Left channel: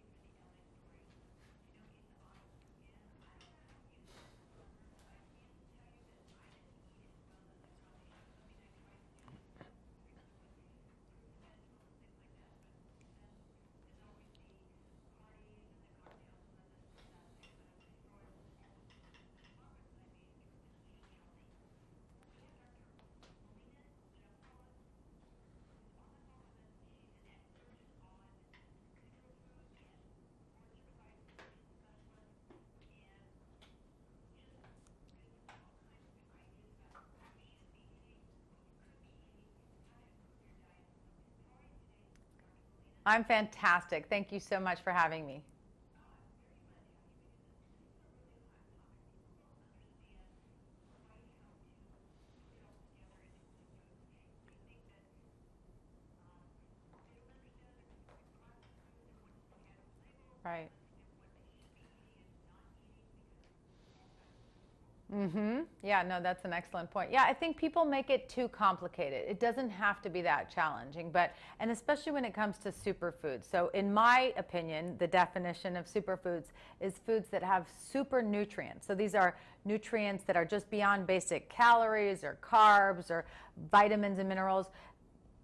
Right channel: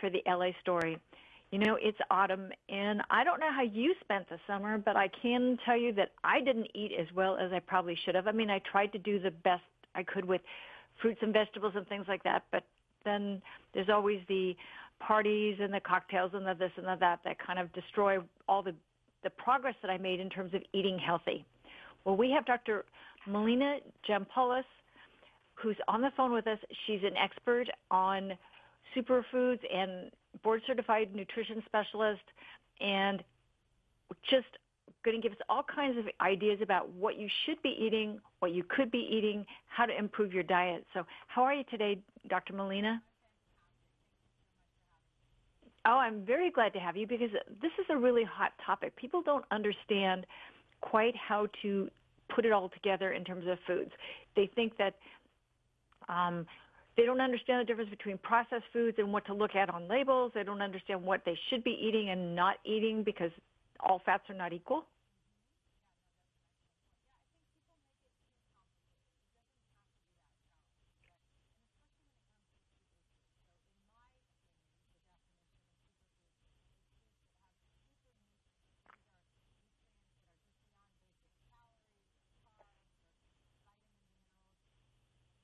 for the LA story. You know, it's autumn, and I don't know how you spent the summer, but I can tell you that I didn't eat as well as I probably should have. I mean, I tried to do the best I could with fruits and vegetables and things like that, but then there's always the parties and the cocktails and the this and the that kind of destroy all the progress that I made in terms of eating healthy. Well, we have Dr. Melina Jampolis, who's on the phone with us. She's an expert on superfoods and board-certified nutrition specialist, and just going to give us all kinds of ideas about what you should be eating, what you could be eating, how to improve your diet. So how are you today, Dr. Melina? I'm fantastic. Thank you so much for having me. Oh, I'm very glad to have you because this is a really hot topic. People don't understand quite how to put it all together in terms of foods. They think that they don't understand the difference between processed foods and what to look at on labels. They don't understand what they should be eating and not eating because all fats are not equal. Yeah, no, that's an excellent point. Yeah, I think people make it too complicated. It doesn't have to be that challenging, and especially when it comes to superfoods. So in my opinion, the definition of superfoods is foods that have super nutrients. So these are nutrients that are just beyond basic calories or carbs or vitamins and minerals.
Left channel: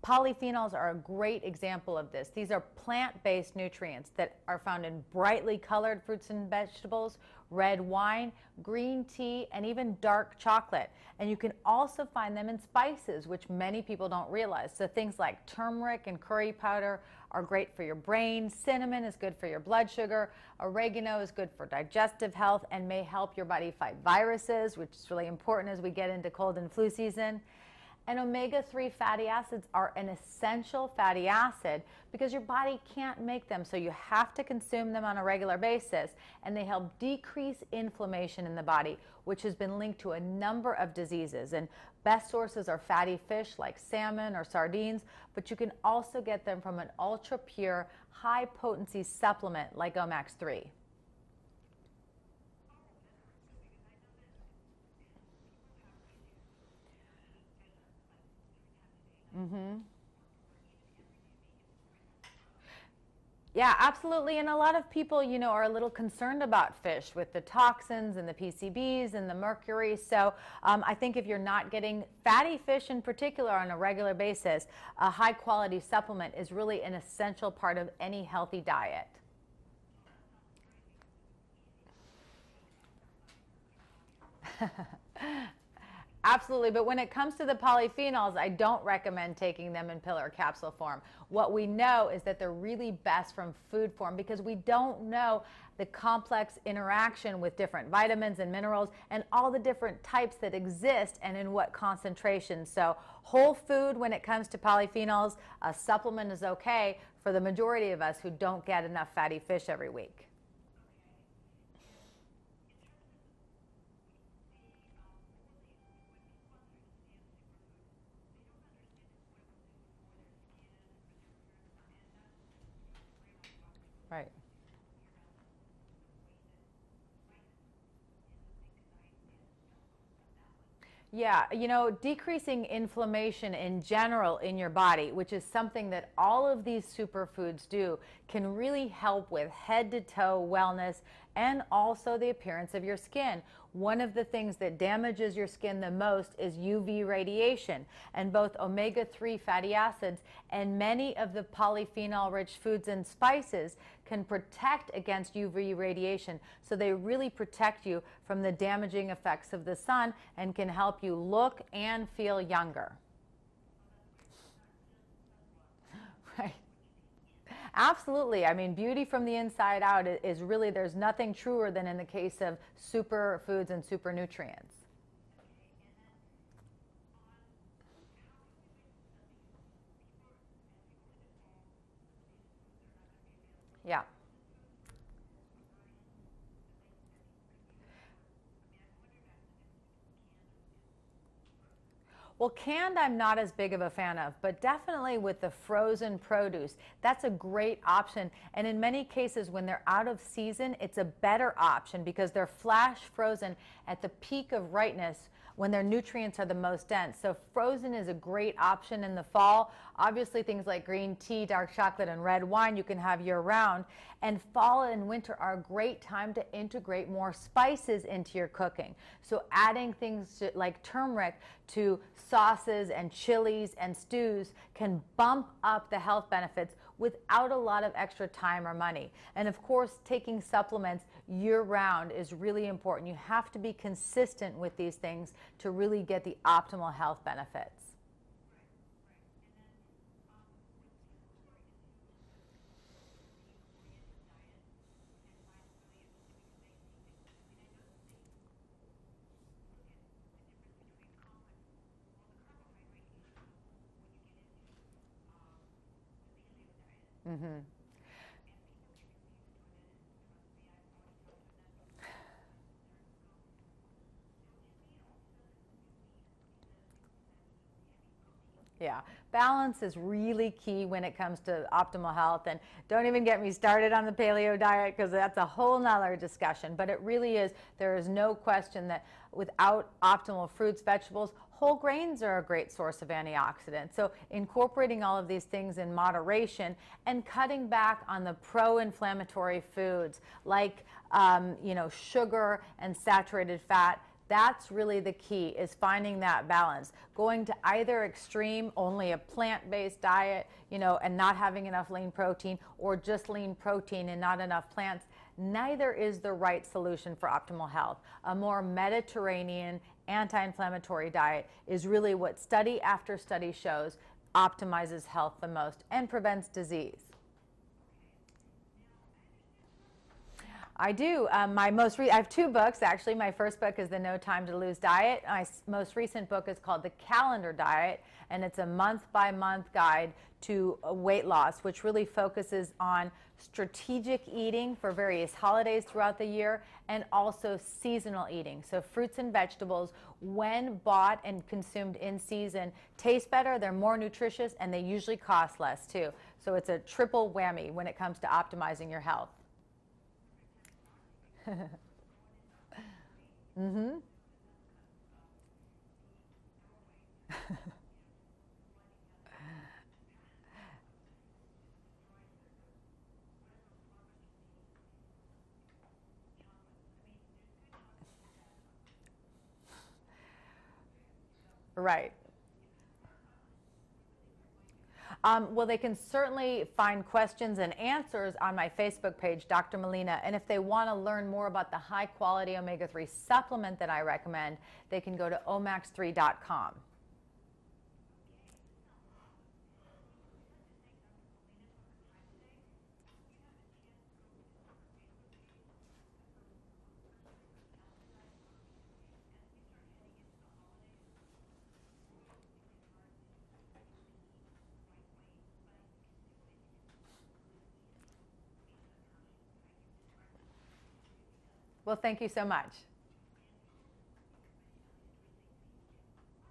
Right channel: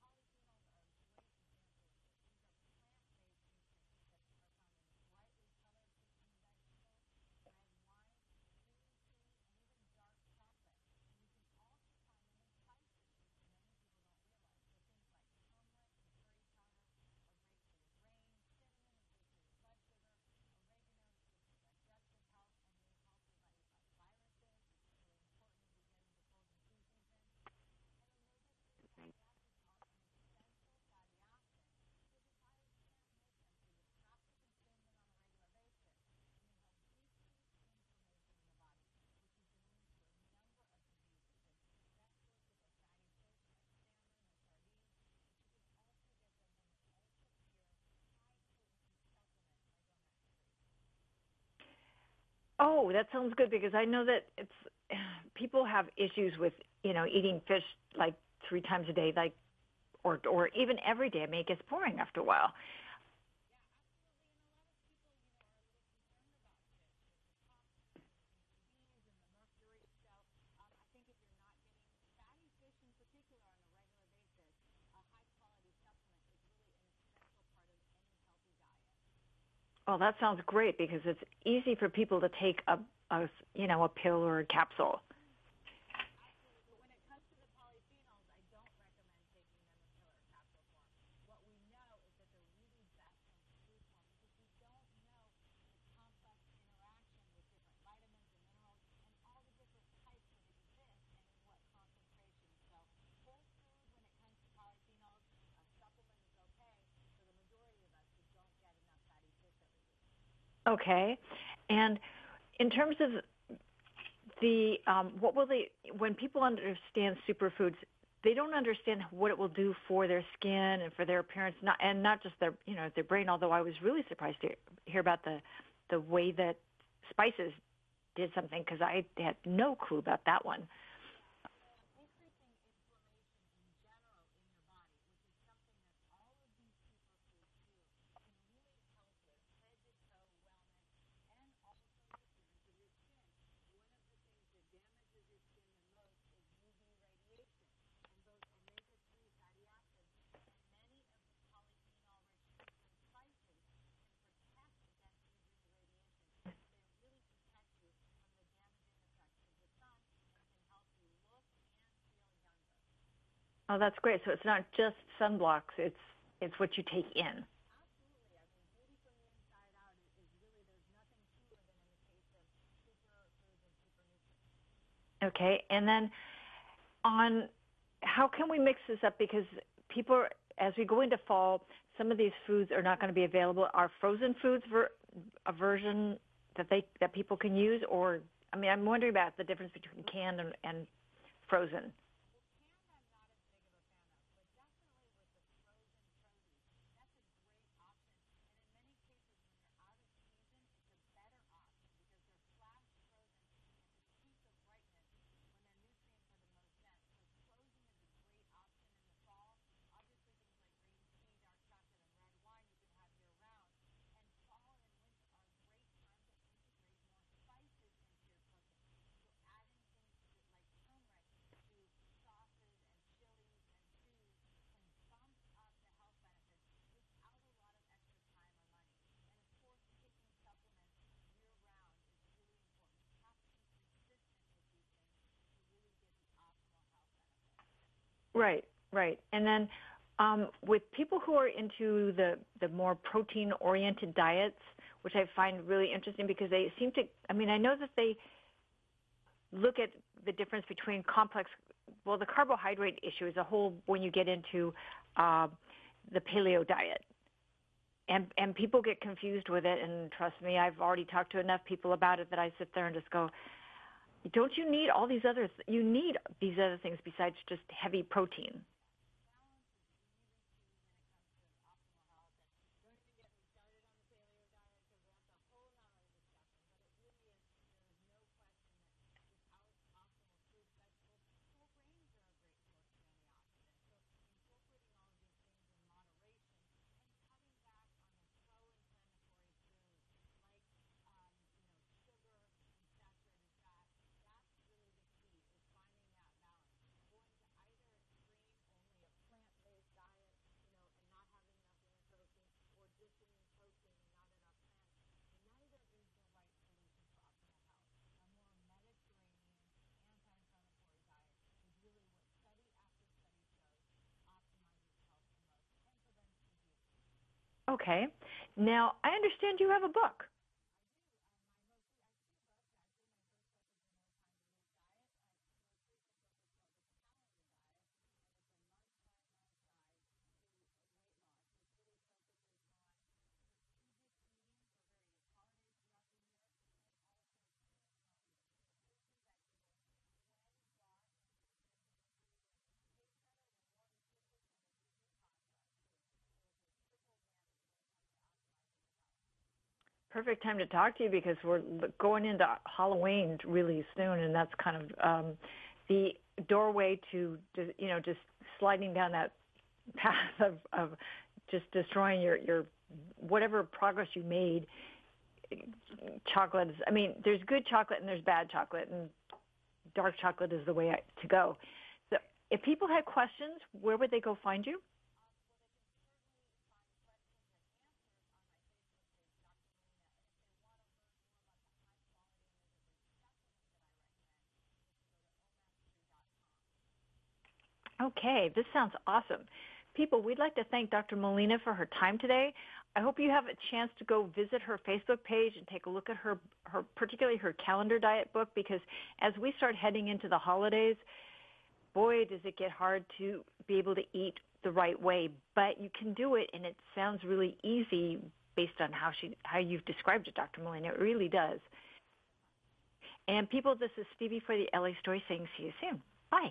Polyphenols are a great example of this. These are plant-based nutrients that are found in brightly colored fruits and vegetables, red wine, green tea, and even dark chocolate. And you can also find them in spices, which many people don't realize. So things like turmeric and curry powder are great for your brain. Cinnamon is good for your blood sugar. Oregano is good for digestive health and may help your body fight viruses, which is really important as we get into cold and flu season. And omega-3 fatty acids are an essential fatty acid because your body can't make them, so you have to consume them on a regular basis, and they help decrease inflammation in the body, which has been linked to a number of diseases. And best sources are fatty fish like salmon or sardines, but you can also get them from an ultra-pure, high-potency supplement like Omax-3. Oh, that sounds good because I know that people have issues with, eating fish like 3 times a day, like, or even every day. I mean, it gets boring after a while. Yeah, absolutely. And a lot of people, are a little concerned about fish with the toxins and the PCBs and the mercury. So I think if you're not getting fatty fish in particular on a regular basis, a high quality supplement is really an essential part of any healthy diet. Oh, that sounds great because it's easy for people to take a pill or a capsule. Absolutely, but when it comes to the polyphenols, I don't recommend taking them in pill or capsule form. What we know is that they're really best from food form because we don't know the complex interaction with different vitamins and minerals and all the different types that exist and in what concentration. So whole food when it comes to polyphenols, a supplement is okay for the majority of us who don't get enough fatty fish every week. Okay, and in terms of when people understand superfoods, they don't understand what it will do for their skin and for their appearance, not just their brain. Although I was really surprised to hear about the way that spices did something because I had no clue about that one. Yeah, decreasing inflammation in general in your body, which is something that all of these superfoods do, can really help with head to toe wellness and also the appearance of your skin. One of the things that damages your skin the most is UV radiation, and both omega-3 fatty acids and many of the polyphenol-rich foods and spices can protect against UV radiation. So they really protect you from the damaging effects of the sun and can help you look and feel younger. Oh, that's great. So it's not just sunblocks, it's what you take in. Absolutely. I mean, beauty from the inside out is really, there's nothing truer than in the case of superfoods and super nutrients. Okay, and then how can we mix this up? Because people, as we go into fall, some of these foods are not going to be available. Are frozen foods a version that people can use? Or, I'm wondering about the difference between canned and frozen. Well, canned I'm not as big of a fan of, but definitely with the frozen produce, that's a great option. And in many cases, when they're out of season, it's a better option because they're flash frozen at the peak of ripeness when their nutrients are the most dense. So frozen is a great option in the fall. Obviously things like green tea, dark chocolate, and red wine you can have year round. And fall and winter are a great time to integrate more spices into your cooking. So adding things like turmeric to sauces and chilies and stews can bump up the health benefits without a lot of extra time or money. And of course, taking supplements year-round is really important. You have to be consistent with these things to really get the optimal health benefits. Right, right. And then with people who are into the more protein-oriented diets, which I find really interesting because they seem to, I mean, I know that they look at the difference between complex, well, the carbohydrate issue is a whole when you get into the paleo diet. And people get confused with it, and trust me, I've already talked to enough people about it that I sit there and just go, don't you need all these other, you need these other things besides just heavy protein. Yeah, balance is really key when it comes to optimal health. And don't even get me started on the paleo diet because that's a whole nother discussion. But it really is, there is no question that without optimal fruits, vegetables, whole grains are a great source of antioxidants. So incorporating all of these things in moderation and cutting back on the pro-inflammatory foods like sugar and saturated fat, that's really the key, is finding that balance. Going to either extreme, only a plant-based diet, and not having enough lean protein, or just lean protein and not enough plants, neither is the right solution for optimal health. A more Mediterranean, anti-inflammatory diet is really what study after study shows optimizes health the most and prevents disease. Okay. Now, I understand you have a book. I do. I have two books, actually. My first book is The No Time to Lose Diet. My most recent book is called The Calendar Diet, and it's a month-by-month guide to weight loss, which really focuses on strategic eating for various holidays throughout the year and also seasonal eating. So fruits and vegetables, when bought and consumed in season, taste better, they're more nutritious, and they usually cost less too. So it's a triple whammy when it comes to optimizing your health. Perfect time to talk to you because we're going into Halloween really soon, and that's kind of the doorway to just sliding down that path of just destroying your whatever progress you made. Chocolate is, I mean, there's good chocolate and there's bad chocolate, and dark chocolate is the way to go. Right. So if people had questions, where would they go find you? Well, they can certainly find questions and answers on my Facebook page, Dr. Melina. And if they want to learn more about the high-quality omega-3 supplement that I recommend, they can go to omax3.com. Okay, this sounds awesome. People, we'd like to thank Dr. Melina for her time today. I hope you have a chance to go visit her Facebook page and take a look at her particularly her calendar diet book, because as we start heading into the holidays, boy, does it get hard to be able to eat the right way. But you can do it, and it sounds really easy based on how you've described it, Dr. Melina. It really does. Well, thank you so much. And people, this is Stevie for the LA Story saying see you soon. Bye.